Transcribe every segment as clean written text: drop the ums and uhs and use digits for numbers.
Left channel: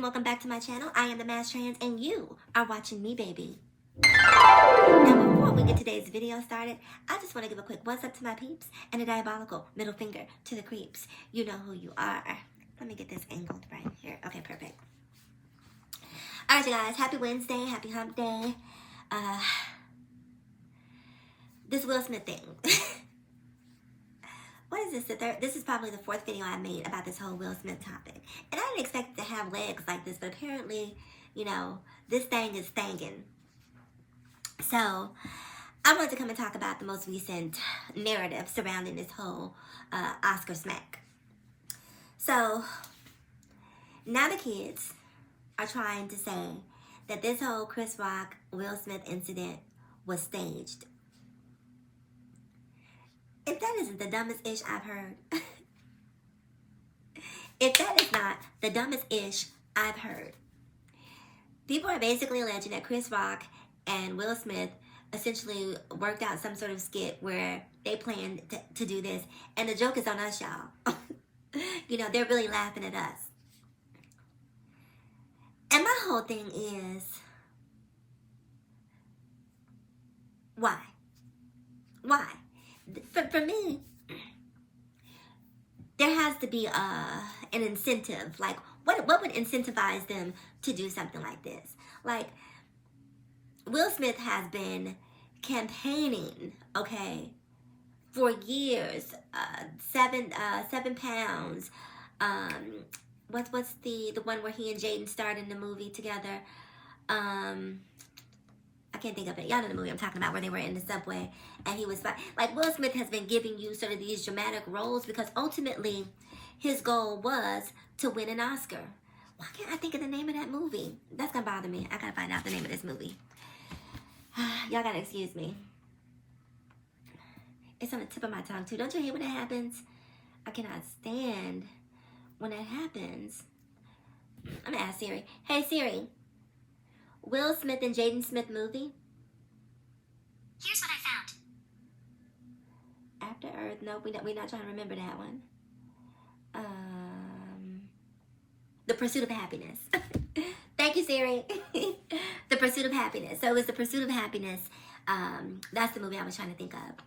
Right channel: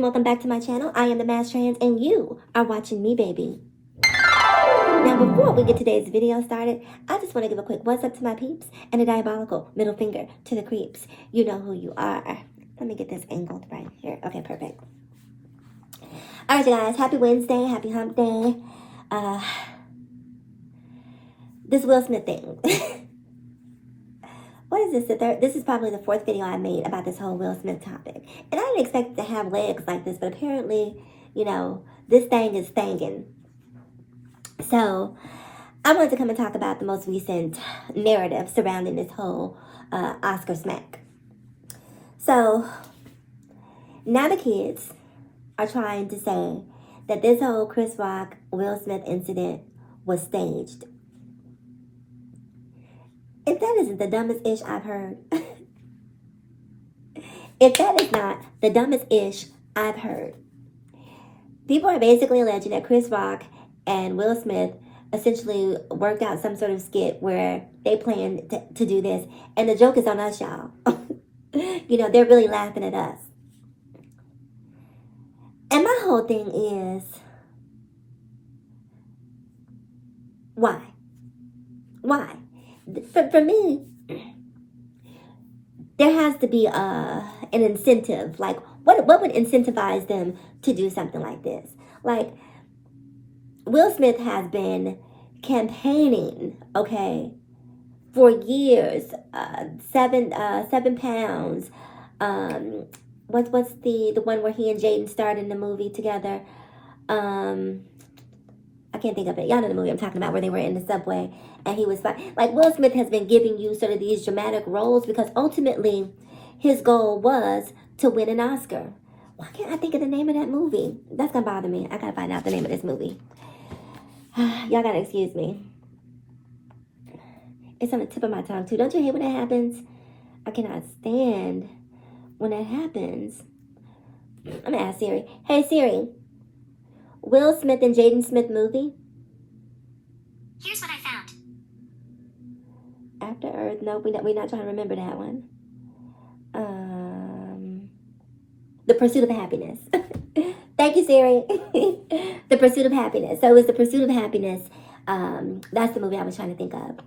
and welcome back to my channel. I am the Mass Trans and you are watching me, baby. Now, before we get today's video started, I just want to give a quick what's up to my peeps and a diabolical middle finger to the creeps. You know who you are. Let me get this angled right here. Okay, perfect. All right, you guys. Happy Wednesday. Happy hump day. This Will Smith thing. What is this? This is probably the fourth video I made about this whole Will Smith topic. And I didn't expect it to have legs like this, but apparently, you know, this thing is thangin'. So, I wanted to come and talk about the most recent narrative surrounding this whole Oscar smack. So, now the kids are trying to say that this whole Chris Rock, Will Smith incident was staged. If that isn't the dumbest ish I've heard, if that is not the dumbest ish I've heard, people are basically alleging that Chris Rock and Will Smith essentially worked out some sort of skit where they planned to do this, and the joke is on us, y'all. You know, they're really laughing at us. And my whole thing is, why? Why? For me, there has to be an incentive. Like, what would incentivize them to do something like this? Like, Will Smith has been campaigning, okay, for years. 7 pounds. What's the one where he and Jaden starred in the movie together? I can't think of it. Y'all know the movie I'm talking about, where they were in the subway and he was fine. Like, Will Smith has been giving you sort of these dramatic roles because ultimately his goal was to win an Oscar. Why can't I think of the name of that movie? That's gonna bother me. I gotta find out the name of this movie. Y'all gotta excuse me. It's on the tip of my tongue too. Don't you hate when that happens? I cannot stand when that happens. I'm gonna ask Siri. Hey Siri, Will Smith and Jaden Smith movie? Here's what I found. After Earth. Nope, we're not trying to remember that one. The Pursuit of Happiness. Thank you, Siri. The Pursuit of Happiness. So it was The Pursuit of Happiness. That's the movie I was trying to think of.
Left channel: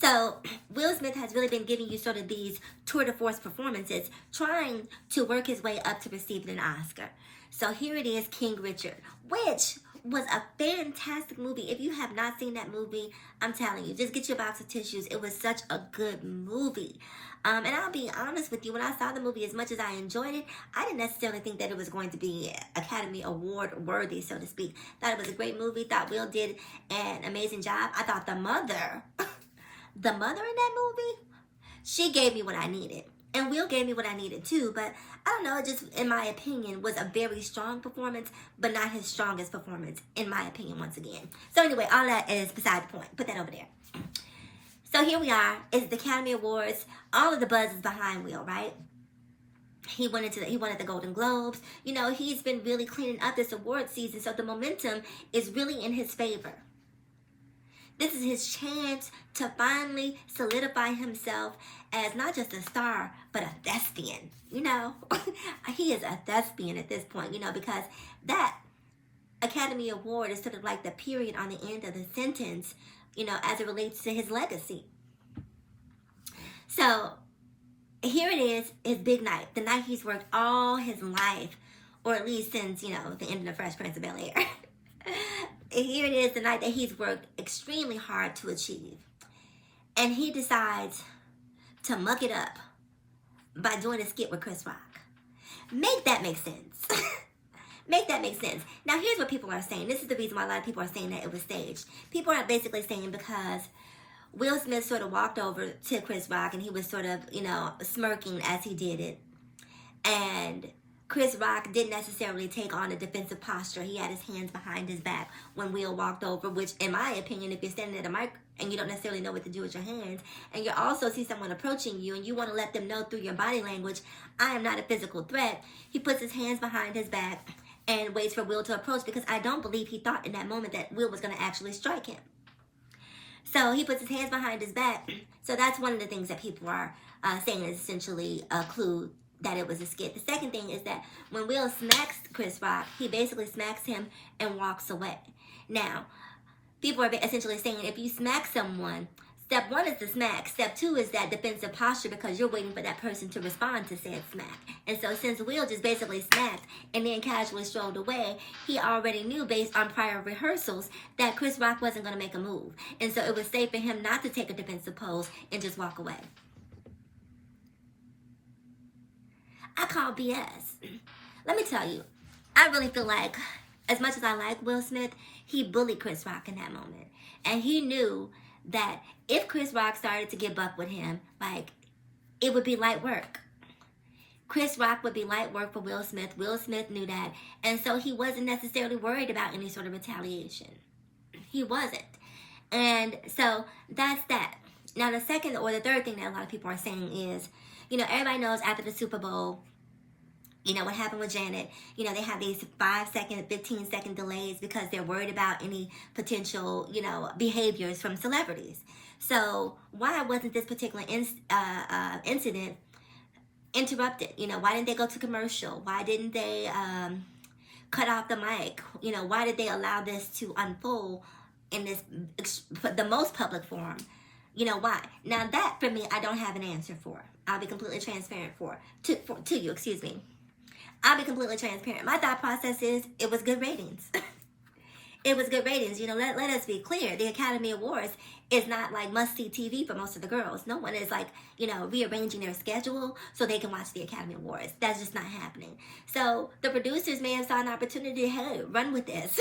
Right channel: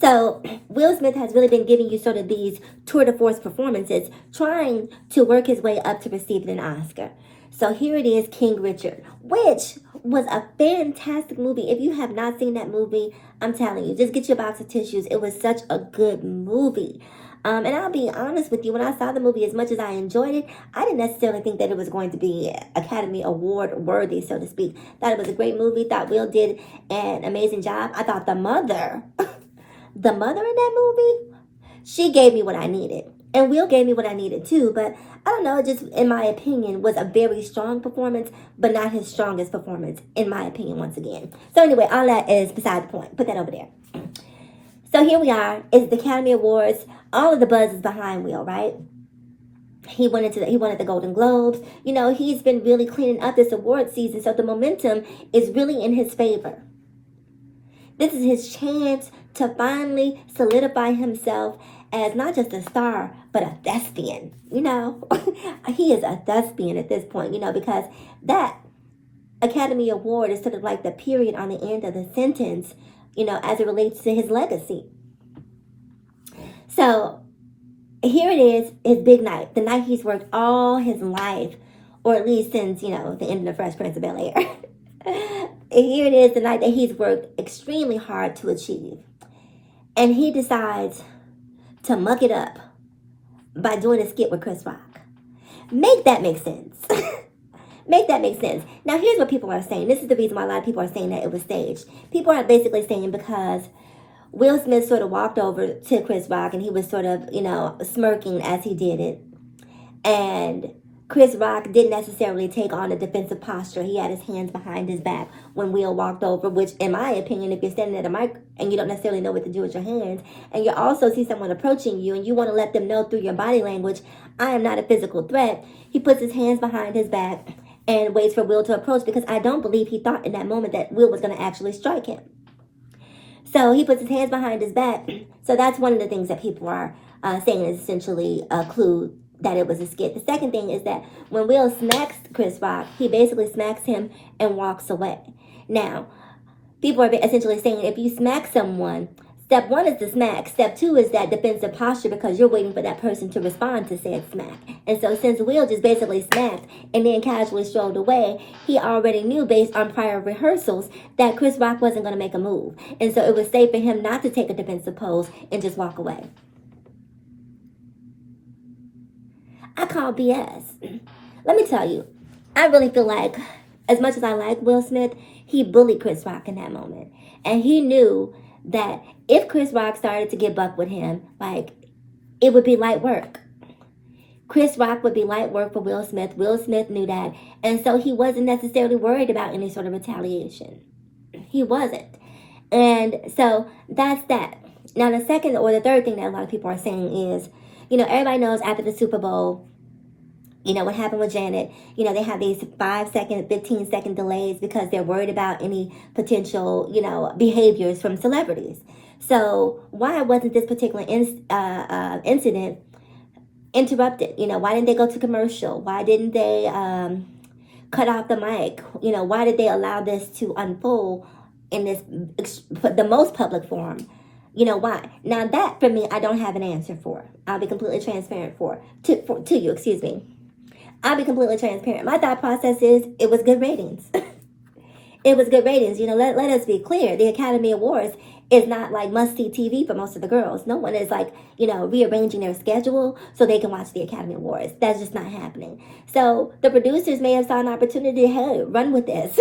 So Will Smith has really been giving you sort of these tour de force performances, trying to work his way up to receiving an Oscar. So here it is, King Richard, which was a fantastic movie. If you have not seen that movie, I'm telling you, just get your box of tissues. It was such a good movie. And I'll be honest with you, when I saw the movie, as much as I enjoyed it, I didn't necessarily think that it was going to be Academy Award worthy, so to speak. Thought it was a great movie. Thought Will did an amazing job. I thought the mother in that movie, she gave me what I needed. And Will gave me what I needed too, but I don't know, it just, in my opinion, was a very strong performance, but not his strongest performance, in my opinion, once again. So anyway, all that is beside the point. Put that over there. So here we are. It's the Academy Awards. All of the buzz is behind Will, right? He won the Golden Globes. You know, he's been really cleaning up this award season, so the momentum is really in his favor. This is his chance to finally solidify himself as not just a star, but a thespian. You know, he is a thespian at this point, you know, because that Academy Award is sort of like the period on the end of the sentence, you know, as it relates to his legacy. So here it is, his big night, the night he's worked all his life, or at least since, you know, the end of the Fresh Prince of Bel-Air. Here it is, the night that he's worked extremely hard to achieve. And he decides to muck it up by doing a skit with Chris Rock. Make that make sense. Make that make sense. Now, here's what people are saying. This is the reason why a lot of people are saying that it was staged. People are basically saying because Will Smith sort of walked over to Chris Rock and he was sort of, you know, smirking as he did it. And Chris Rock didn't necessarily take on a defensive posture. He had his hands behind his back when Will walked over, which, in my opinion, if you're standing at a mic and you don't necessarily know what to do with your hands, and you also see someone approaching you and you want to let them know through your body language, I am not a physical threat, he puts his hands behind his back and waits for Will to approach, because I don't believe he thought in that moment that Will was going to actually strike him. So he puts his hands behind his back. So that's one of the things that people are saying is essentially a clue that it was a skit. The second thing is that when Will smacks Chris Rock, he basically smacks him and walks away. Now, people are essentially saying if you smack someone, step one is the smack. Step two is that defensive posture because you're waiting for that person to respond to said smack. And so since Will just basically smacked and then casually strolled away, he already knew based on prior rehearsals that Chris Rock wasn't going to make a move. And so it was safe for him not to take a defensive pose and just walk away. I call BS. Let me tell you, I really feel like as much as I like Will Smith, he bullied Chris Rock in that moment. And he knew that if Chris Rock started to get buck with him, like, it would be light work. Chris Rock would be light work for Will Smith. Will Smith knew that. And so he wasn't necessarily worried about any sort of retaliation. He wasn't. And so that's that. Now, the second or the third thing that a lot of people are saying is, everybody knows after the Super Bowl, what happened with Janet, they have these 5-second, 15-second delays because they're worried about any potential, behaviors from celebrities. So why wasn't this particular incident interrupted? Why didn't they go to commercial? Why didn't they cut off the mic? Why did they allow this to unfold in the most public forum? Why? Now that, for me, I don't have an answer for. I'll be completely transparent to you, excuse me. I'll be completely transparent. My thought process is it was good ratings. It was good ratings. Let us be clear. The Academy Awards is not like must-see TV for most of the girls. No one is like, rearranging their schedule so they can watch the Academy Awards. That's just not happening. So the producers may have saw an opportunity, hey, run with this.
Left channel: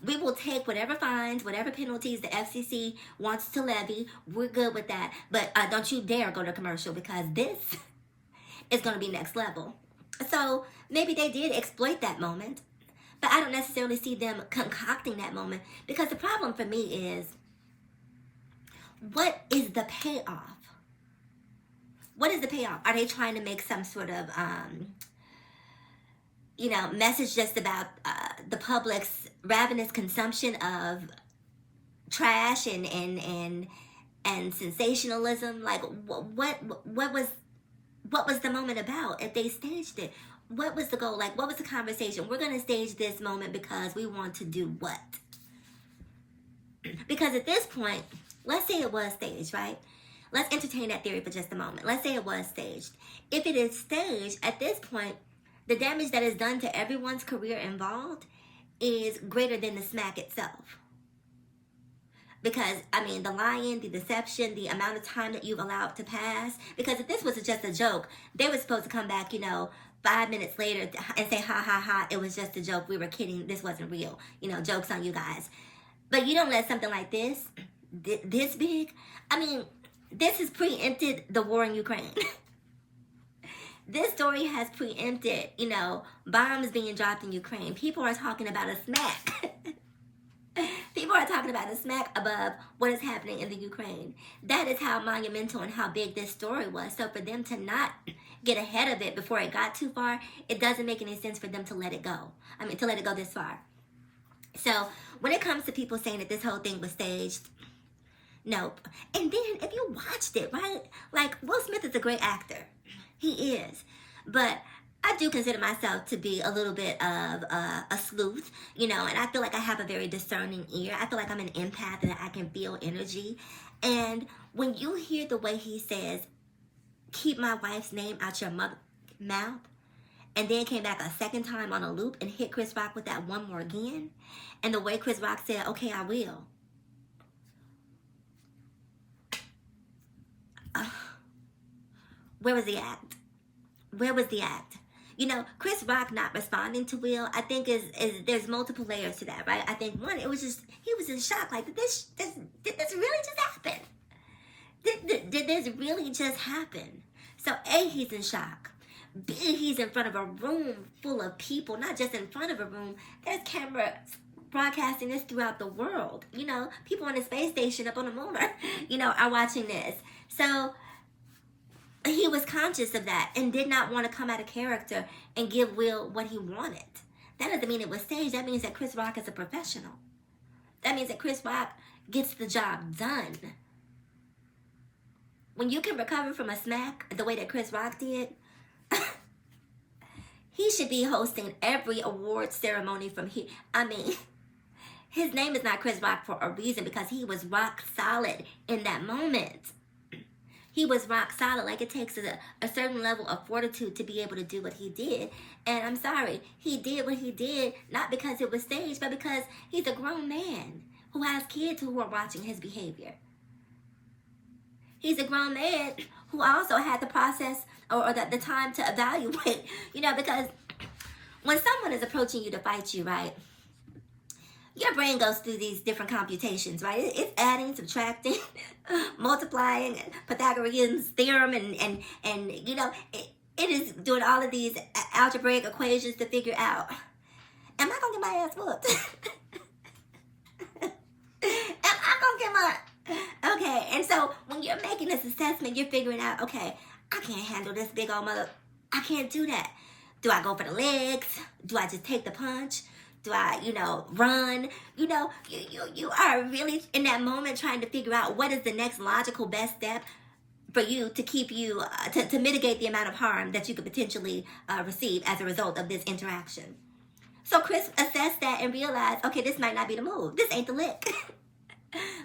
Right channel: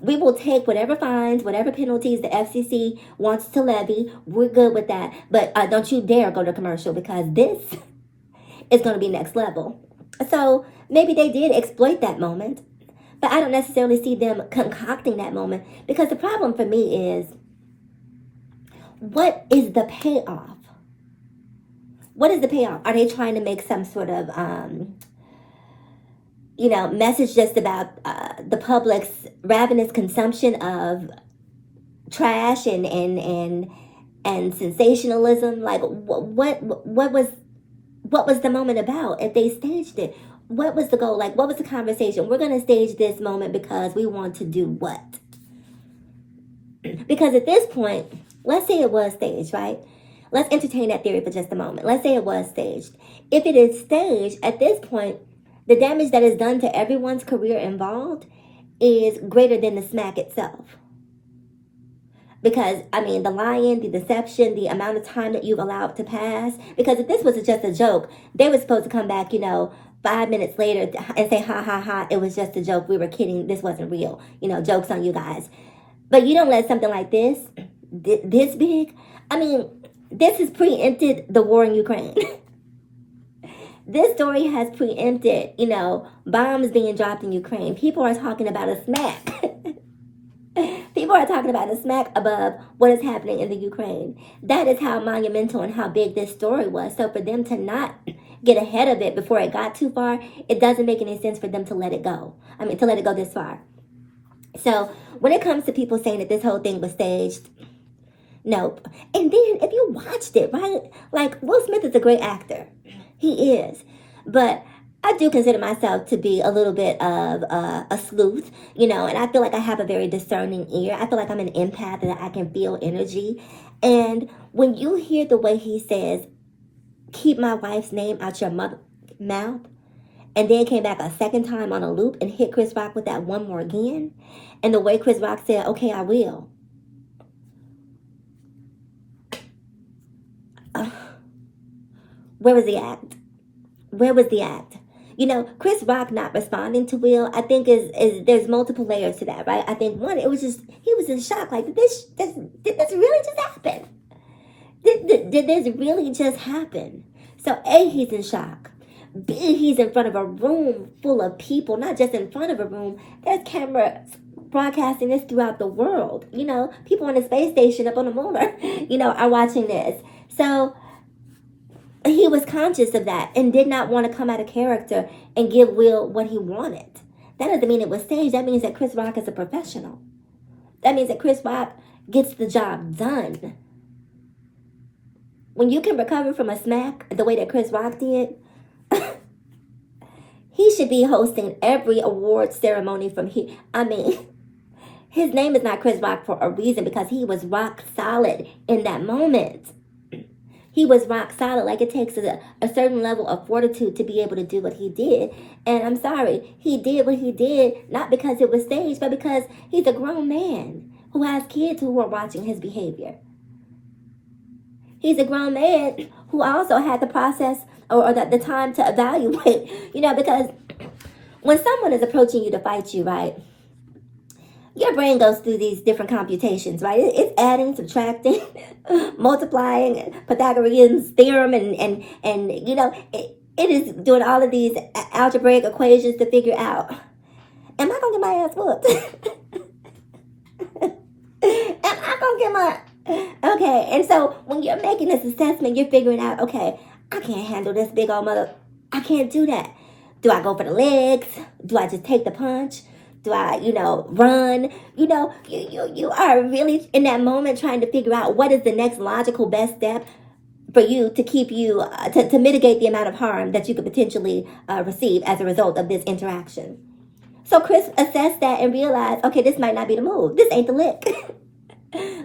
We will take whatever fines, whatever penalties the FCC wants to levy. We're good with that. But don't you dare go to commercial because this is going to be next level. So maybe they did exploit that moment. But I don't necessarily see them concocting that moment because the problem for me is, what is the payoff? What is the payoff? Are they trying to make some sort of, message just about the public's ravenous consumption of trash and sensationalism? Like, what was the moment about if they staged it? What was the goal? Like, what was the conversation? We're going to stage this moment because we want to do what? Because at this point, let's say it was staged, right? Let's entertain that theory for just a moment. Let's say it was staged. If it is staged, at this point, the damage that is done to everyone's career involved is greater than the smack itself. Because, the lying, the deception, the amount of time that you've allowed to pass. Because if this was just a joke, they were supposed to come back, 5 minutes later and say, ha, ha, ha, it was just a joke. We were kidding. This wasn't real. Joke's on you guys. But you don't let something like this big. This has preempted the war in Ukraine. This story has preempted, bombs being dropped in Ukraine. People are talking about a smack. People are talking about a smack above what is happening in the Ukraine. That is how monumental and how big this story was. So for them to not get ahead of it before it got too far, it doesn't make any sense for them to let it go. To let it go this far. So when it comes to people saying that this whole thing was staged, nope. And then if you watched it, right? Like, Will Smith is a great actor. He is. But I do consider myself to be a little bit of a sleuth, and I feel like I have a very discerning ear. I feel like I'm an empath and I can feel energy. And when you hear the way he says, keep my wife's name out your mouth, and then came back a second time on a loop and hit Chris Rock with that one more again, and the way Chris Rock said, okay, I will. Where was the act? Where was the act? Chris Rock not responding to Will, I think is there's multiple layers to that, right? I think one, it was just, he was in shock. Like, did this really just happen? Did this really just happen? So A, he's in shock. B, he's in front of a room full of people, not just in front of a room. There's cameras broadcasting this throughout the world. People on the space station up on the moon are watching this. So he was conscious of that and did not want to come out of character and give Will what he wanted. That doesn't mean it was staged. That means that Chris Rock is a professional. That means that Chris Rock gets the job done. When you can recover from a smack the way that Chris Rock did, He should be hosting every award ceremony from here. I mean, his name is not Chris Rock for a reason, because he was rock solid in that moment. He was rock solid. Like, it takes a certain level of fortitude to be able to do what he did. And I'm sorry, he did what he did, not because it was staged, but because he's a grown man who has kids who are watching his behavior. He's a grown man who also had the process or the time to evaluate, because when someone is approaching you to fight you, right, your brain goes through these different computations, right? It's adding, subtracting, multiplying, Pythagorean's theorem, and it is doing all of these algebraic equations to figure out, am I going to get my ass whooped? Am I going to get my... Okay, and so when you're making this assessment, you're figuring out, okay, I can't handle this big old mother. I can't do that. Do I go for the legs? Do I just take the punch? Do I, run? You are really in that moment trying to figure out what is the next logical best step for you to keep you, to mitigate the amount of harm that you could potentially receive as a result of this interaction. So Chris assessed that and realized, okay, this might not be the move. This ain't the lick.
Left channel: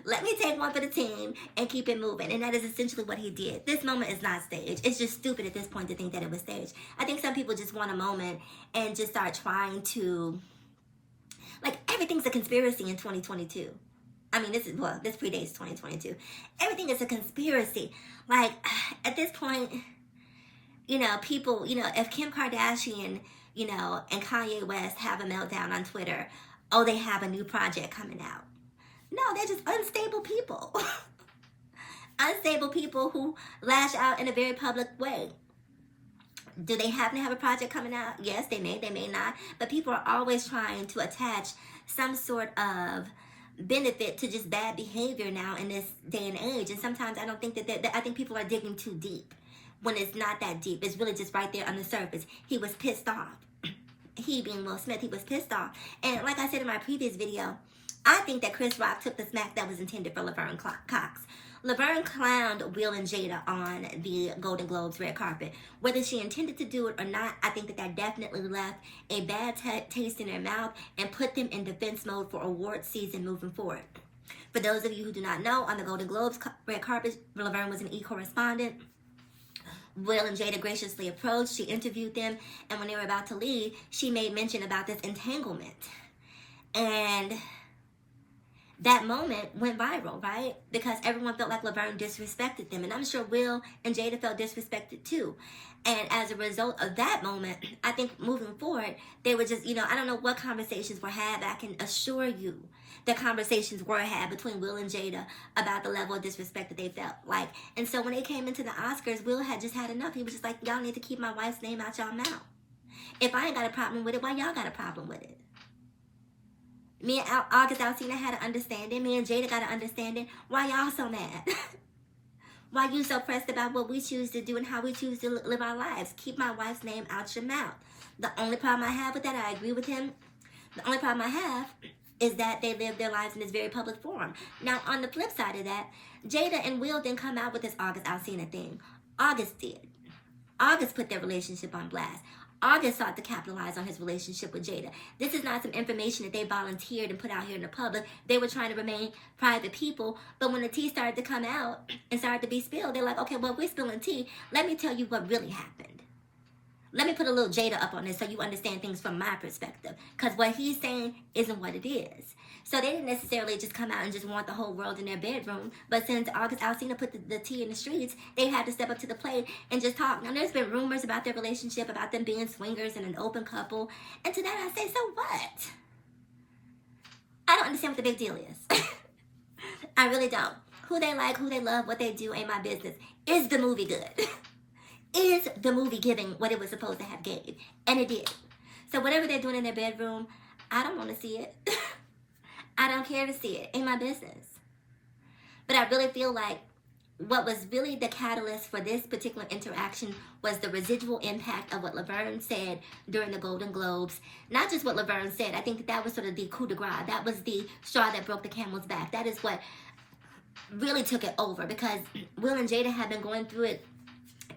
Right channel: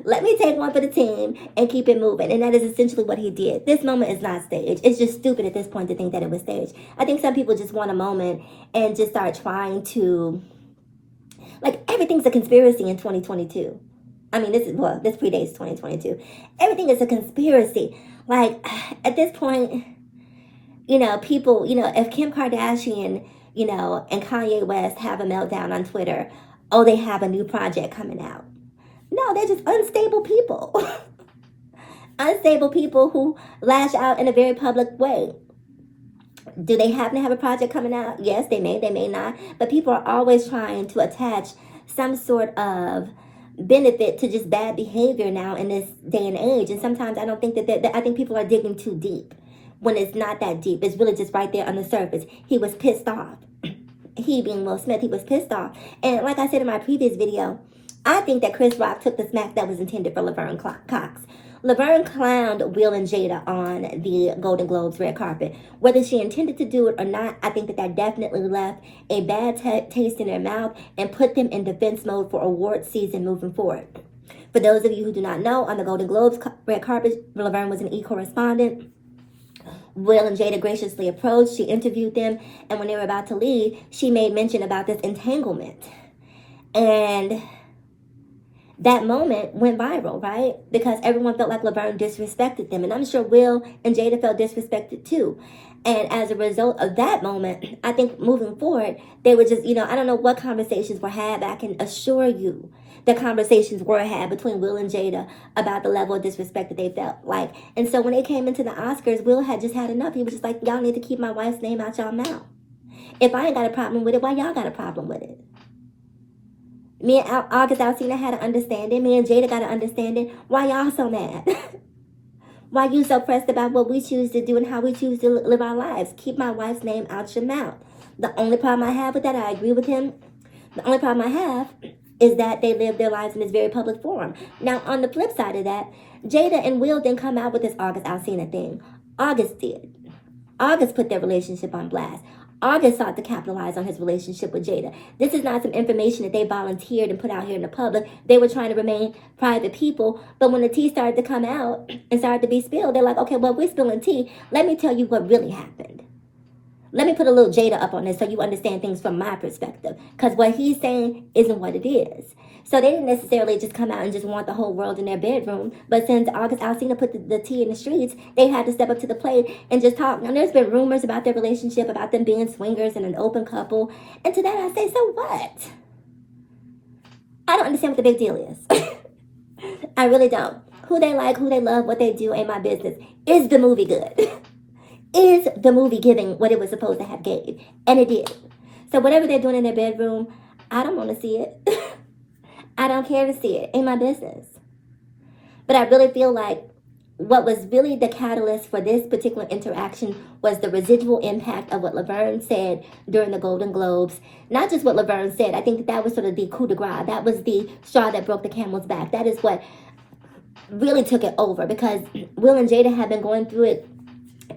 Let me take one for the team and keep it moving. And that is essentially what he did. This moment is not staged. It's just stupid at this point to think that it was staged. I think some people just want a moment and just start trying to, like, everything's a conspiracy in 2022. I mean, this predates 2022. Everything is a conspiracy. Like, at this point, people, if Kim Kardashian, and Kanye West have a meltdown on Twitter, oh, they have a new project coming out. No, they're just unstable people. Unstable people who lash out in a very public way. Do they happen to have a project coming out? Yes, they may not. But people are always trying to attach some sort of benefit to just bad behavior now in this day and age. And sometimes I don't think that I think people are digging too deep when it's not that deep. It's really just right there on the surface. He was pissed off. He being Will Smith, he was pissed off. And like I said in my previous video, I think that Chris Rock took the smack that was intended for Laverne Cox. Laverne clowned Will and Jada on the Golden Globes red carpet. Whether she intended to do it or not, I think that definitely left a bad taste in their mouth and put them in defense mode for award season moving forward. For those of you who do not know, on the Golden Globes red carpet, Laverne was an e-correspondent. Will and Jada graciously approached. She interviewed them. And when they were about to leave, she made mention about this entanglement. And that moment went viral, right? Because everyone felt like Laverne disrespected them. And I'm sure Will and Jada felt disrespected too. And as a result of that moment, I think moving forward, they were just, I don't know what conversations were had, but I can assure you the conversations were had between Will and Jada about the level of disrespect that they felt like. And so when they came into the Oscars, Will had just had enough. He was just like, y'all need to keep my wife's name out y'all mouth. If I ain't got a problem with it, why y'all got a problem with it? Me and August Alsina had an understanding. Me and Jada got an understanding. Why y'all so mad? Why you so pressed about what we choose to do and how we choose to live our lives? Keep my wife's name out your mouth. The only problem I have with that, I agree with him. The only problem I have is that they live their lives in this very public forum. Now, on the flip side of that, Jada and Will didn't come out with this August Alsina thing. August did. August put their relationship on blast. August sought to capitalize on his relationship with Jada. This is not some information that they volunteered and put out here in the public. They were trying to remain private people. But when the tea started to come out and started to be spilled, they're like, okay, well, we're spilling tea. Let me tell you what really happened. Let me put a little Jada up on this so you understand things from my perspective. Because what he's saying isn't what it is. So they didn't necessarily just come out and just want the whole world in their bedroom. But since August Alsina put the tea in the streets, they had to step up to the plate and just talk. Now, there's been rumors about their relationship, about them being swingers and an open couple. And to that I say, so what? I don't understand what the big deal is. I really don't. Who they like, who they love, what they do ain't my business. Is the movie good? Is the movie giving what it was supposed to have gave? And it did. So whatever they're doing in their bedroom, I don't want to see it. I don't care to see it. Ain't my business. But I really feel like what was really the catalyst for this particular interaction was the residual impact of what Laverne said during the Golden Globes. Not just what Laverne said. I think that was sort of the coup de grace. That was the straw that broke the camel's back. That is what really took it over, because Will and Jada had been going through it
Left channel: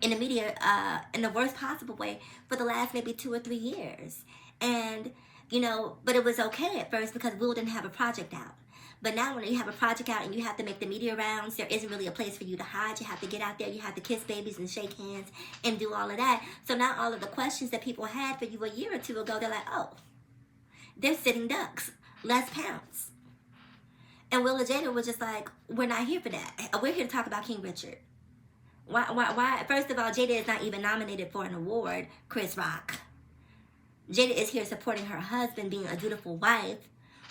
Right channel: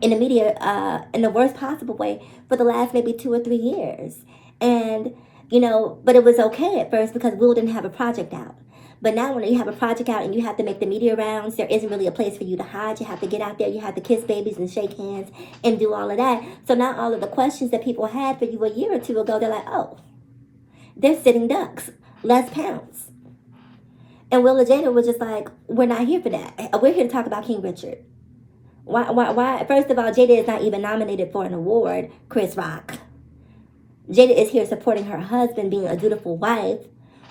in the media in the worst possible way for the last maybe 2 or 3 years. And, but it was okay at first because Will didn't have a project out. But now when you have a project out and you have to make the media rounds, there isn't really a place for you to hide. You have to get out there. You have to kiss babies and shake hands and do all of that. So now all of the questions that people had for you a year or two ago, they're like, oh, they're sitting ducks. Let's pounce. And Will and Jada were just like, we're not here for that. We're here to talk about King Richard. Why? First of all, Jada is not even nominated for an award, Chris Rock. Jada is here supporting her husband, being a dutiful wife.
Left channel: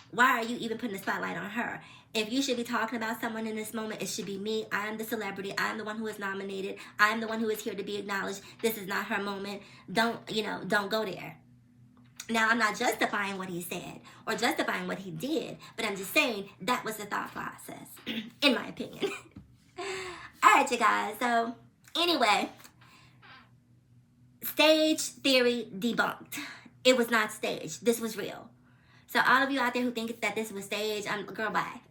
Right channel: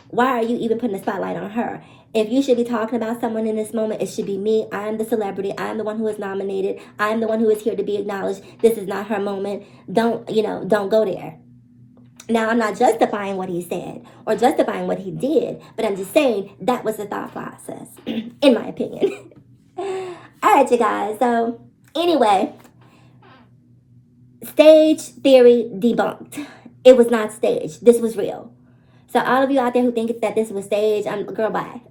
Why are you even putting the spotlight on her? If you should be talking about someone in this moment, it should be me. I'm the celebrity. I'm the one who is nominated. I'm the one who is here to be acknowledged. This is not her moment. Don't go there. Now, I'm not justifying what he said or justifying what he did, but I'm just saying that was the thought process, in my opinion. All right, you guys. So, anyway, stage theory debunked. It was not staged. This was real. So all of you out there who think that this was staged, girl, bye.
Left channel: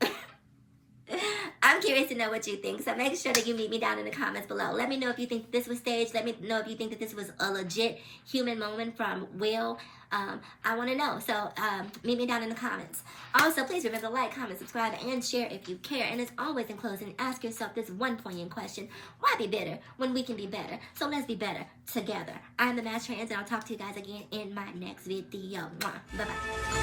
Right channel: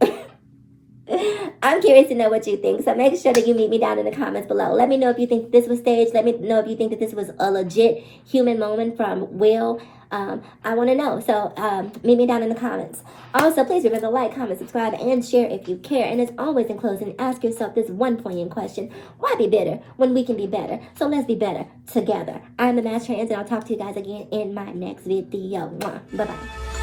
I'm curious to know what you think. So make sure that you meet me down in the comments below. Let me know if you think this was staged. Let me know if you think that this was a legit human moment from Will. I want to know. So meet me down in the comments. Also, please remember to like, comment, subscribe, and share if you care. And as always, in closing, ask yourself this one poignant question. Why be bitter when we can be better? So let's be better together. I'm the Mass Trans, and I'll talk to you guys again in my next video. Bye-bye.